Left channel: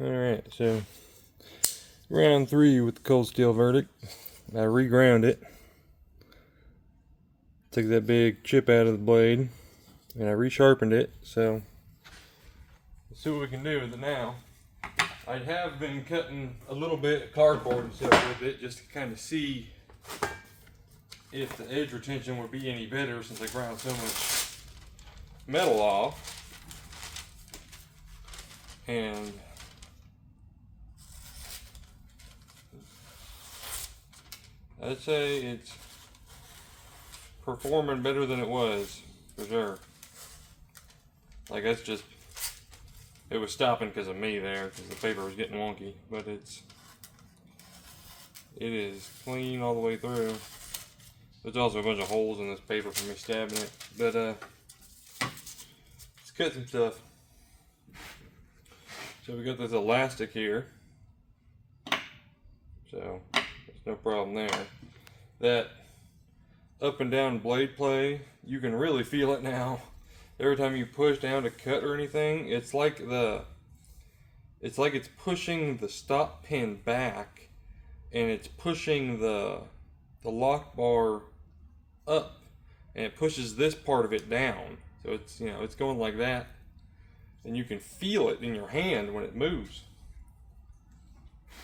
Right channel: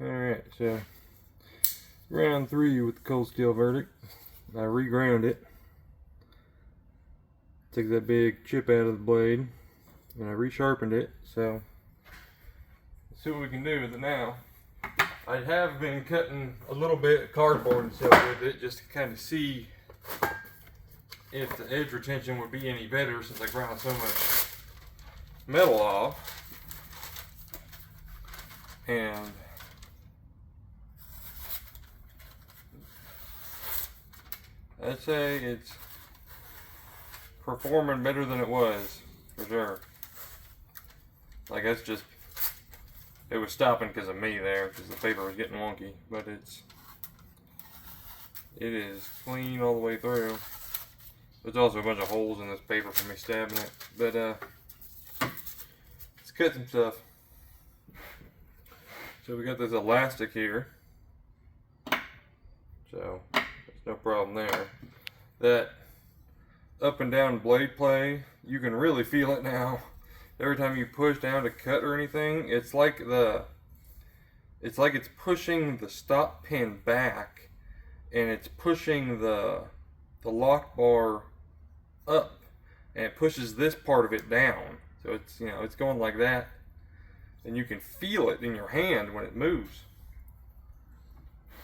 Alright, so round 3 with the Coldsteel Verdict. I reground it. Took that big chip out of the blade and I resharpened it. So let's see what we can do with it now. I have been cutting a little bit of cardboard and stuff with it just to kind of see if the edge retention would be any better since I ground so much metal off. And I'd say it's performing better than it was, for sure. Like that's just, it was stopping because of me there, because the paper was getting wonky. But it is clean all the way through. There's also a bunch of holes in this paper from me stabbing it. But let's cut some stuff. So we got this elastic here. So there's no problem there. That up and down blade play, you can really feel it now. Every time you push down to cut or anything, it's like it's pushing the stop pin back, and it's pushing the lock bar up, and it pushes this part of it down. So it's, you know, it's going like that, and you can feel it in your hand when it moves.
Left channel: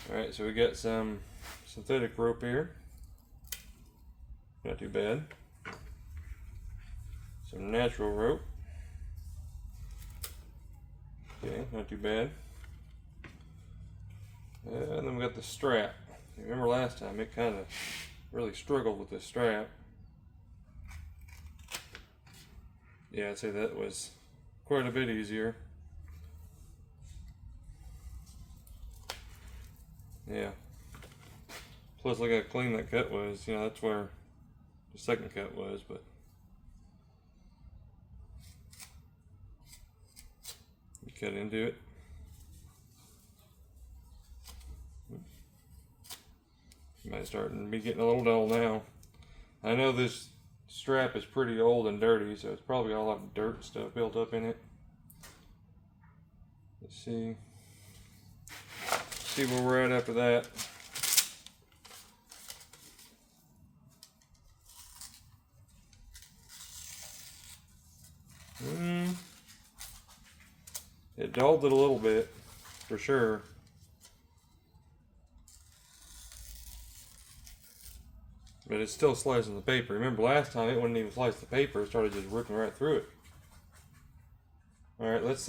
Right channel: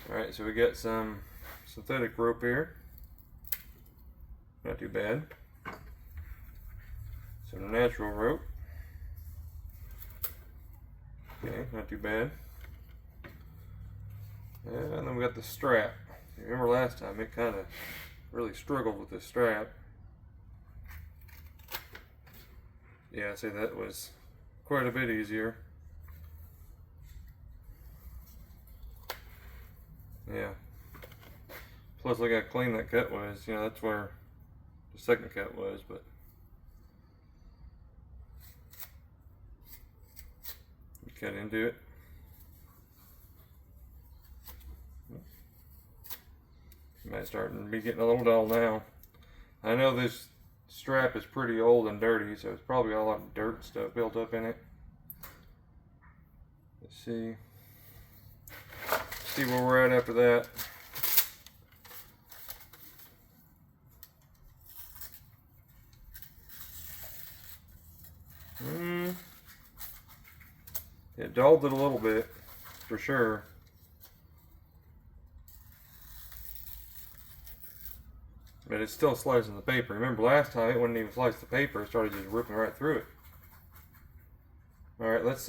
All right, so we got some synthetic rope here. Not too bad. Some natural rope. Okay, not too bad. And then we got the strap. Remember last time it kind of really struggled with this strap. Yeah, I'd say that was quite a bit easier. Yeah. Plus look how clean that cut was. You know, that's where the second cut was, but you cut into it. Might starting to be getting a little dull now. I know this strap is pretty old and dirty, so it's probably got a lot of dirt and stuff built up in it. Let's see where we're at after that. It dulled it a little bit, for sure. But it's still slicing the paper. Remember last time it wouldn't even slice the paper, it started just ripping right through it. Alright, let's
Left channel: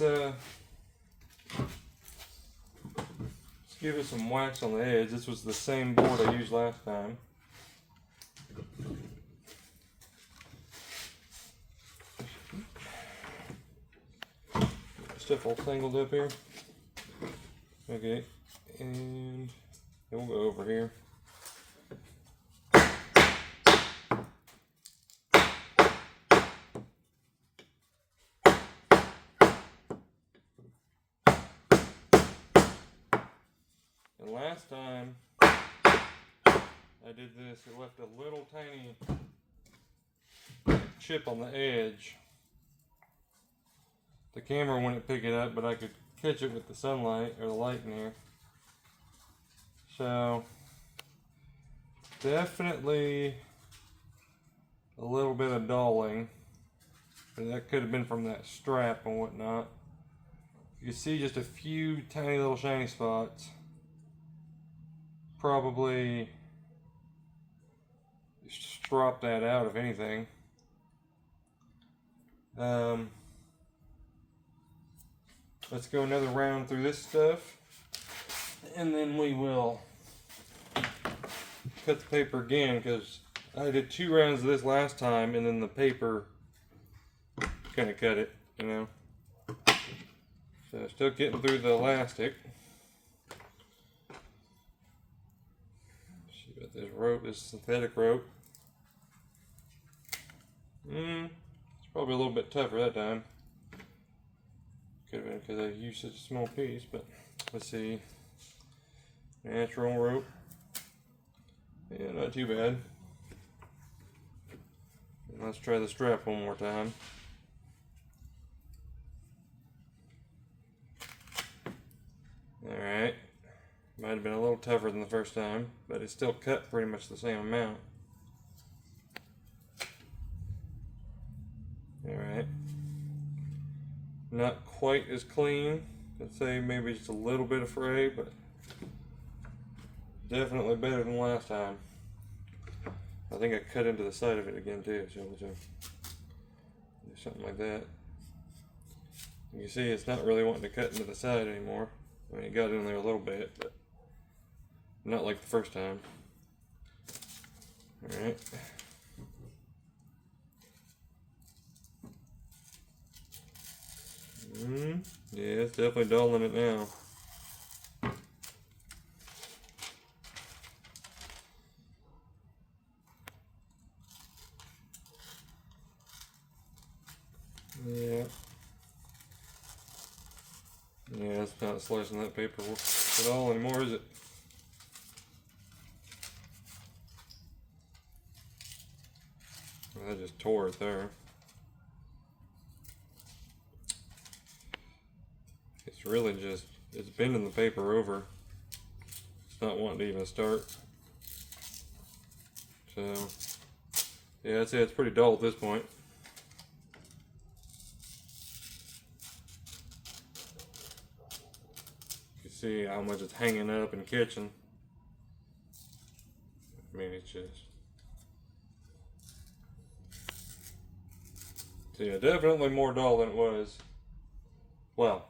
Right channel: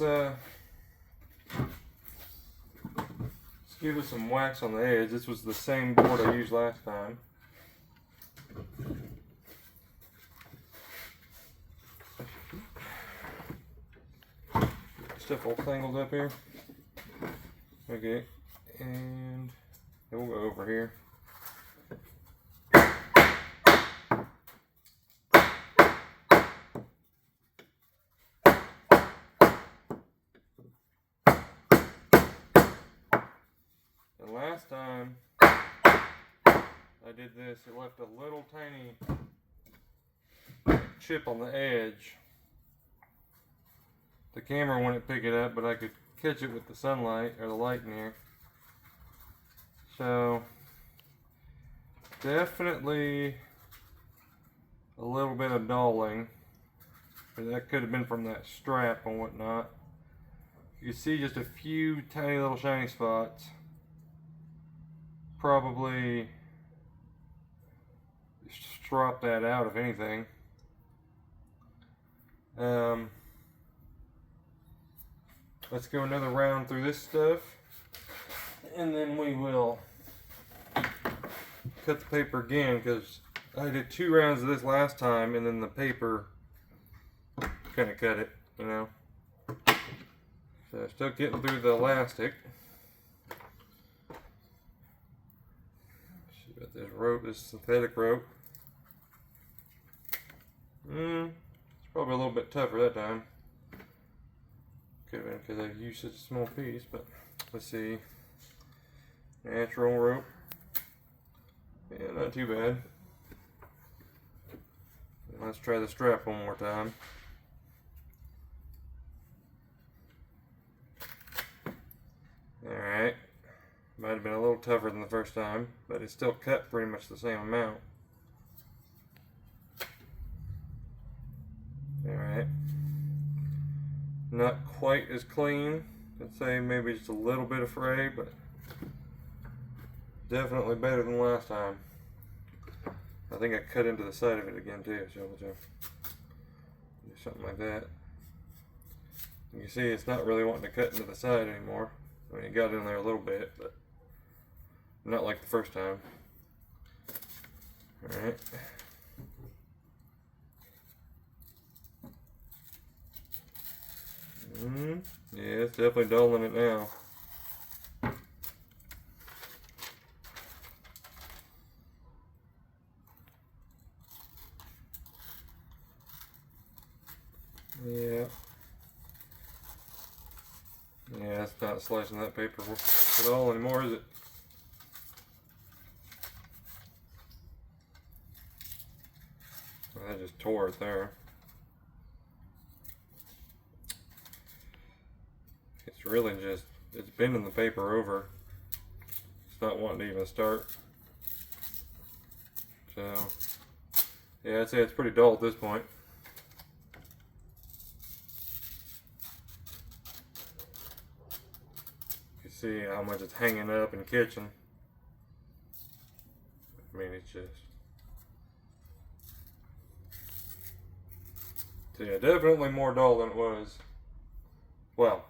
give it some wax on the edge. This was the same board I used last time. Stuff all tangled up here. Okay, and then we'll go over here. And last time I did this, it left a little tiny chip on the edge. The camera wouldn't pick it up, but I could catch it with the sunlight or the light in here. So definitely a little bit of dulling, but that could have been from that strap and whatnot. You can see just a few tiny little shiny spots. Probably strop that out if anything. Let's go another round through this stuff, and then we will cut the paper again, because I did 2 rounds of this last time, and then the paper kind of cut it, you know. So still getting through the elastic. See about this rope, this synthetic rope. It's probably a little bit tougher that time. Could have been because I used such a small piece, but let's see. Natural rope. Yeah, not too bad. Let's try the strap one more time. Might have been a little tougher than the first time, but it still cut pretty much the same amount. Alright. Not quite as clean. I'd say maybe just a little bit of fray, but definitely better than last time. I think I cut into the side of it again too, so we'll do something like that. You see it's not really wanting to cut into the side anymore. I mean, it got in there a little bit, but not like the first time. Alright. Yeah, it's definitely dulling it now. Yeah. Yeah, it's not slicing that paper at all anymore, is it? Well, that just tore it there. It's really just, it's bending the paper over. It's not wanting to even start. So, yeah, I'd say it's pretty dull at this point. You can see how much it's hanging up and catching. I mean, it's just... So yeah, definitely more dull than it was. Well,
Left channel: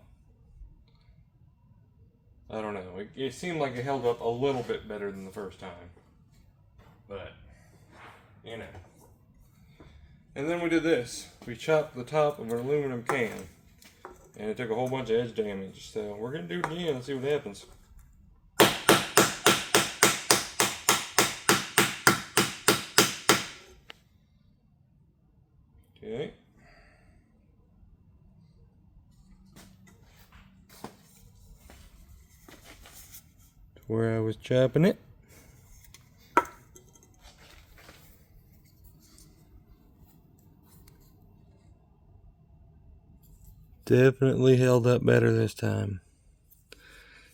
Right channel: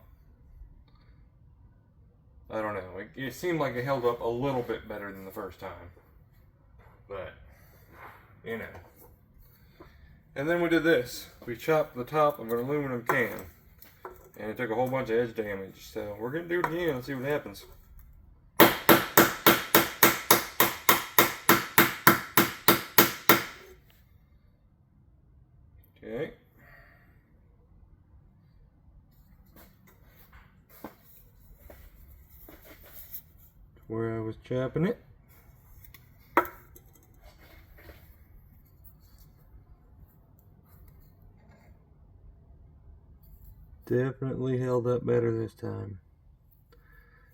I don't know. It seemed like it held up a little bit better than the first time. But, you know. And then we did this. We chopped the top of an aluminum can. And it took a whole bunch of edge damage. So we're going to do it again and see what happens. Okay. Where I was chopping it. Definitely held up better this time.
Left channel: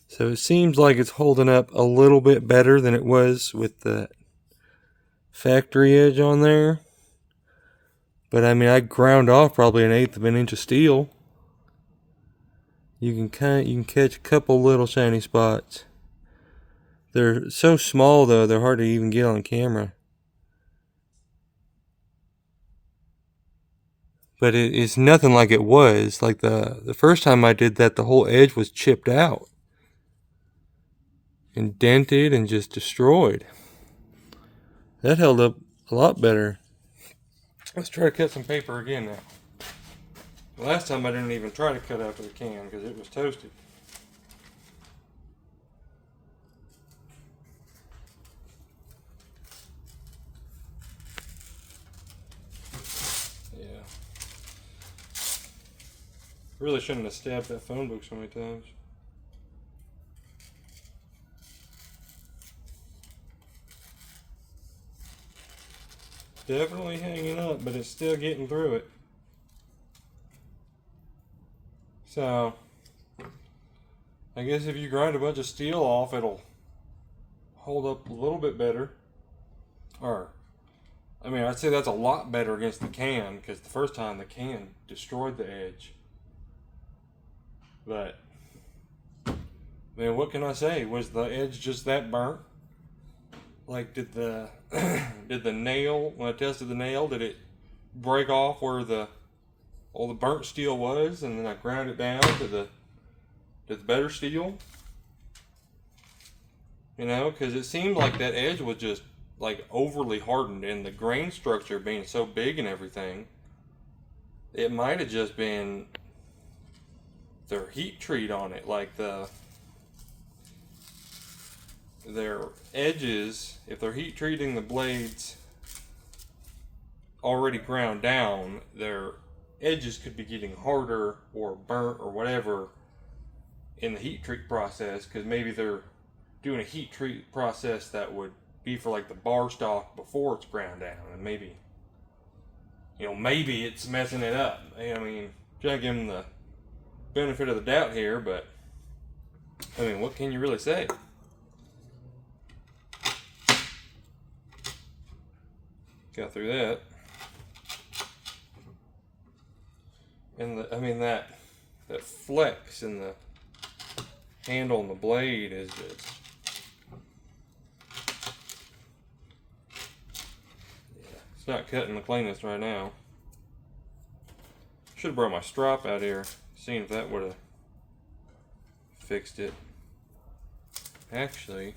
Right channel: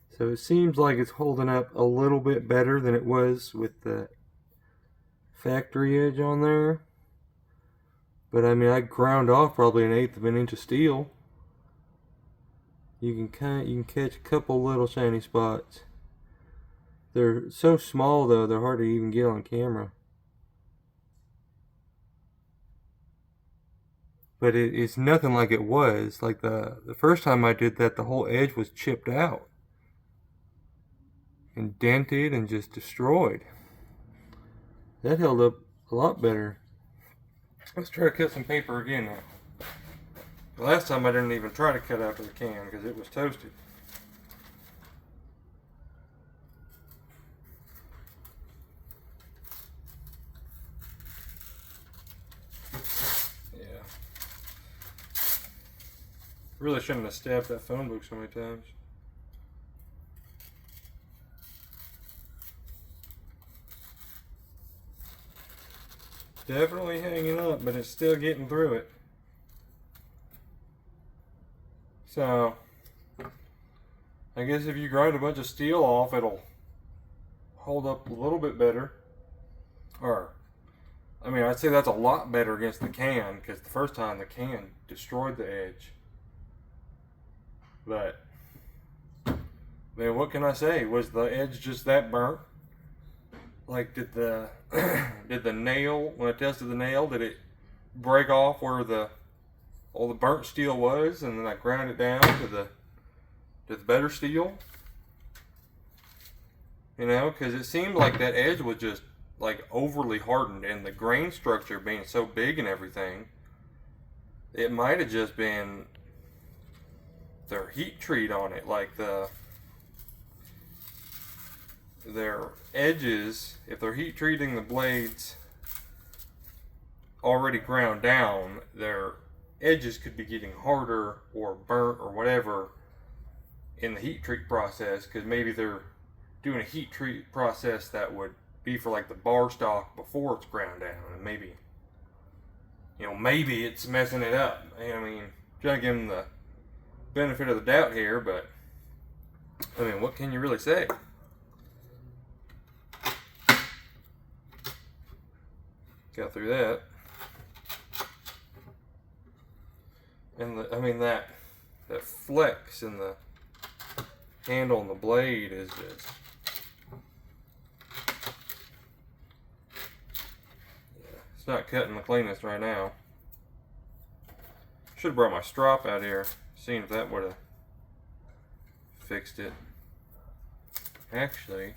So it seems like it's holding up a little bit better than it was with the factory edge on there. But I mean, I ground off probably 1/8 of an inch of steel. You can catch a couple little shiny spots. They're so small though, they're hard to even get on camera. But it's nothing like it was. Like the first time I did that, the whole edge was chipped out and dented and just destroyed. That held up a lot better. Let's try to cut some paper again now. The last time I didn't even try to cut out of the can because it was toasted. Yeah. Really shouldn't have stabbed that phone book so many times. Definitely hanging up, but it's still getting through it. So, I guess if you grind a bunch of steel off, it'll hold up a little bit better. Or, I mean, I'd say that's a lot better against the can, because the first time the can destroyed the edge. But, I mean, what can I say? Was the edge just that burnt? Like, did the did the nail, when I tested the nail, did it break off where all the burnt steel was, and then I ground it down to the better steel? You know, because it seemed like that edge was just like overly hardened, and the grain structure being so big and everything, it might have just been their heat treat on it, like their edges, if they're heat treating the blades already ground down, their edges could be getting harder or burnt or whatever in the heat treat process, because maybe they're doing a heat treat process that would be for like the bar stock before it's ground down, and maybe, you know, maybe it's messing it up. I mean, trying to give them the benefit of the doubt here, but I mean, what can you really say? Got through that. And I mean that flex in the handle and the blade is just, yeah, it's not cutting the cleanest right now. Should have brought my strop out here, seen if that would have fixed it. Actually,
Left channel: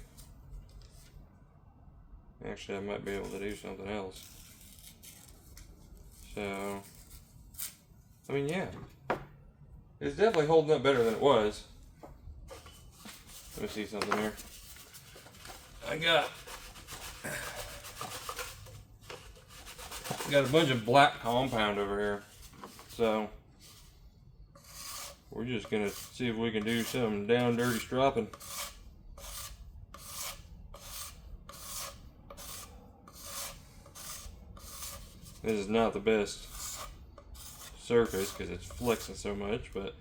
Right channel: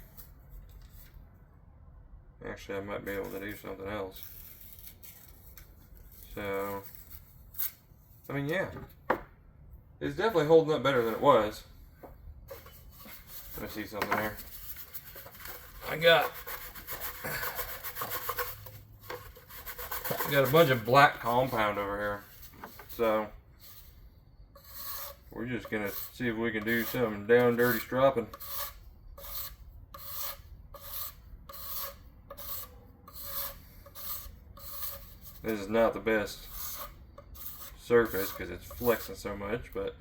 I might be able to do something else. So, I mean, yeah, it's definitely holding up better than it was. Let me see something here. I got a bunch of black compound over here, so we're just gonna see if we can do some down dirty stropping. This is not the best surface because it's flexing so much, but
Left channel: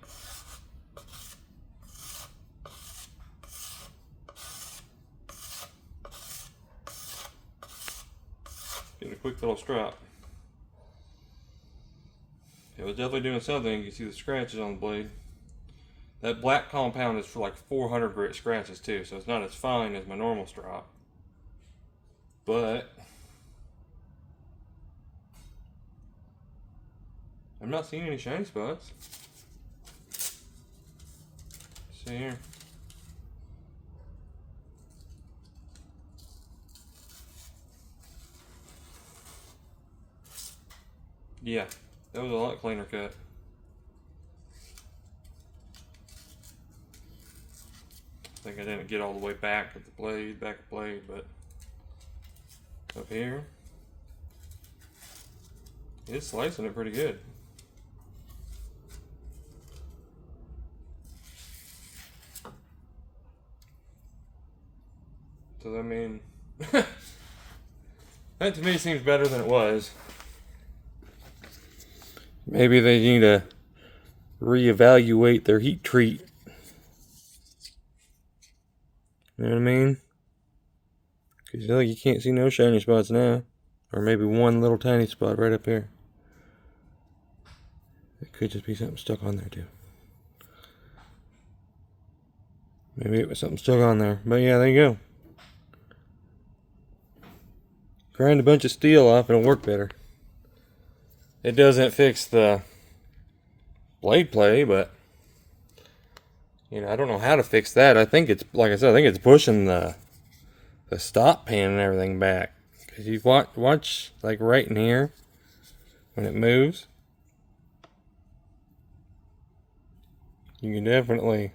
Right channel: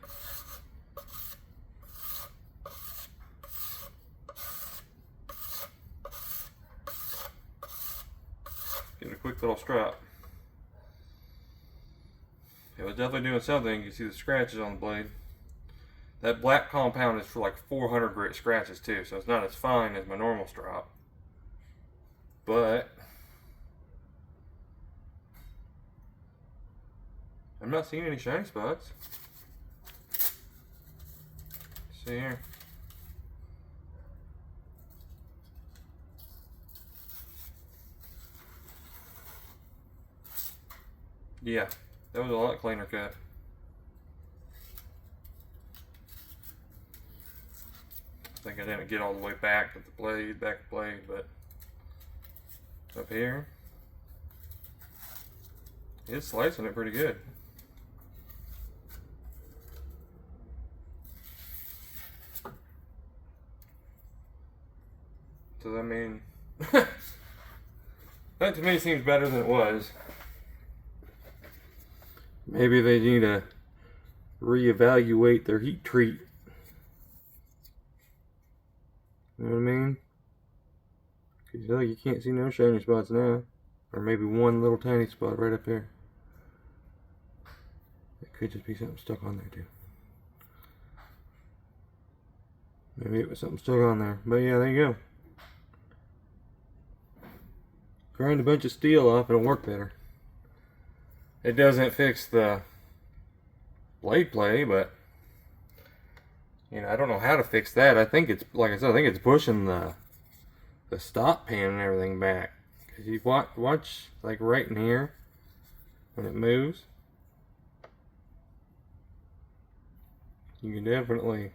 get a quick little strap. It was definitely doing something. You can see the scratches on the blade. That black compound is for like 400 grit scratches too, so it's not as fine as my normal strop. But I'm not seeing any shiny spots. See here. Yeah, that was a lot cleaner cut. I think I didn't get all the way back to the blade, but up here, it's slicing it pretty good. So I mean, that to me seems better than it was. Maybe they need to reevaluate their heat treat. You know what I mean? Because like you can't see no shiny spots now. Or maybe one little tiny spot right up here. It could just be something stuck on there too. Maybe it was something stuck on there. But yeah, there you go. Grind a bunch of steel off and it'll work better. It doesn't fix the blade play, but you know, I don't know how to fix that. I think it's, like I said, I think it's pushing the stop pin and everything back. Cause you watch like right in here when it moves, you can definitely,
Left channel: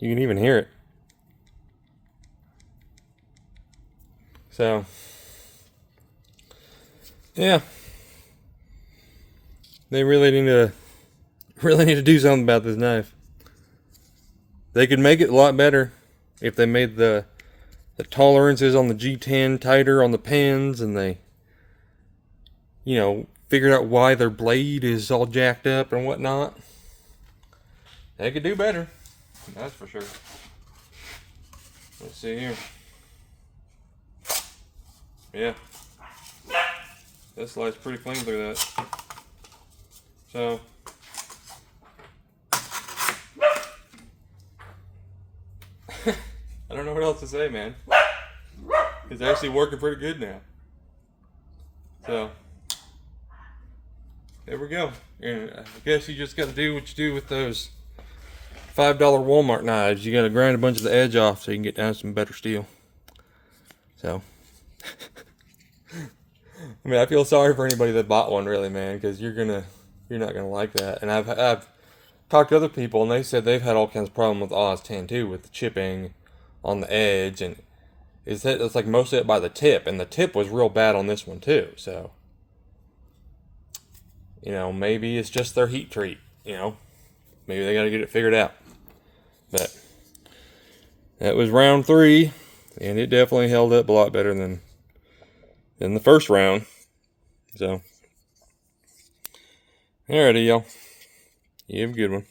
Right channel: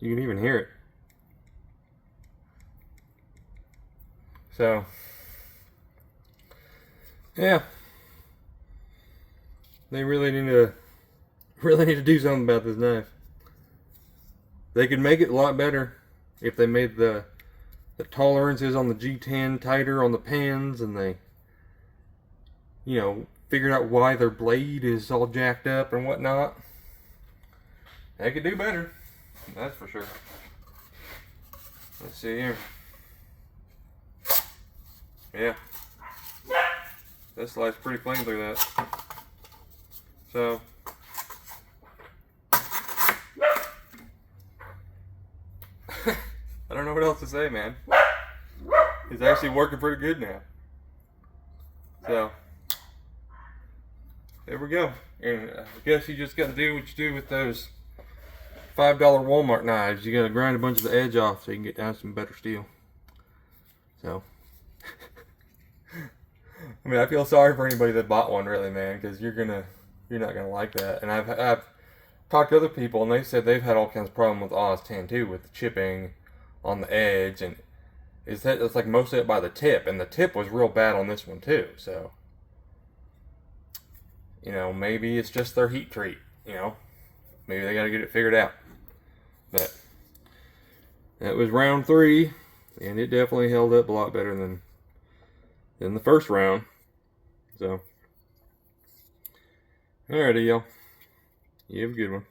you can even hear it. So yeah, they really need to do something about this knife. They could make it a lot better if they made the tolerances on the G10 tighter on the pins, and they, you know, figured out why their blade is all jacked up and whatnot. They could do better, that's for sure. Let's see here. Yeah. This slides pretty clean through that. So, I don't know what else to say, man. It's actually working pretty good now. So, there we go. And I guess you just got to do what you do with those $5 Walmart knives. You got to grind a bunch of the edge off so you can get down some better steel. So, I mean, I feel sorry for anybody that bought one, really, man, because you're not gonna like that. And I've talked to other people, and they said they've had all kinds of problems with Oz 10 too, with the chipping on the edge, and it's like most of it by the tip, and the tip was real bad on this one too. So, you know, maybe it's just their heat treat. You know, maybe they got to get it figured out. But that was round 3, and it definitely held up a lot better than the first round. So, alrighty, y'all. You have a good one.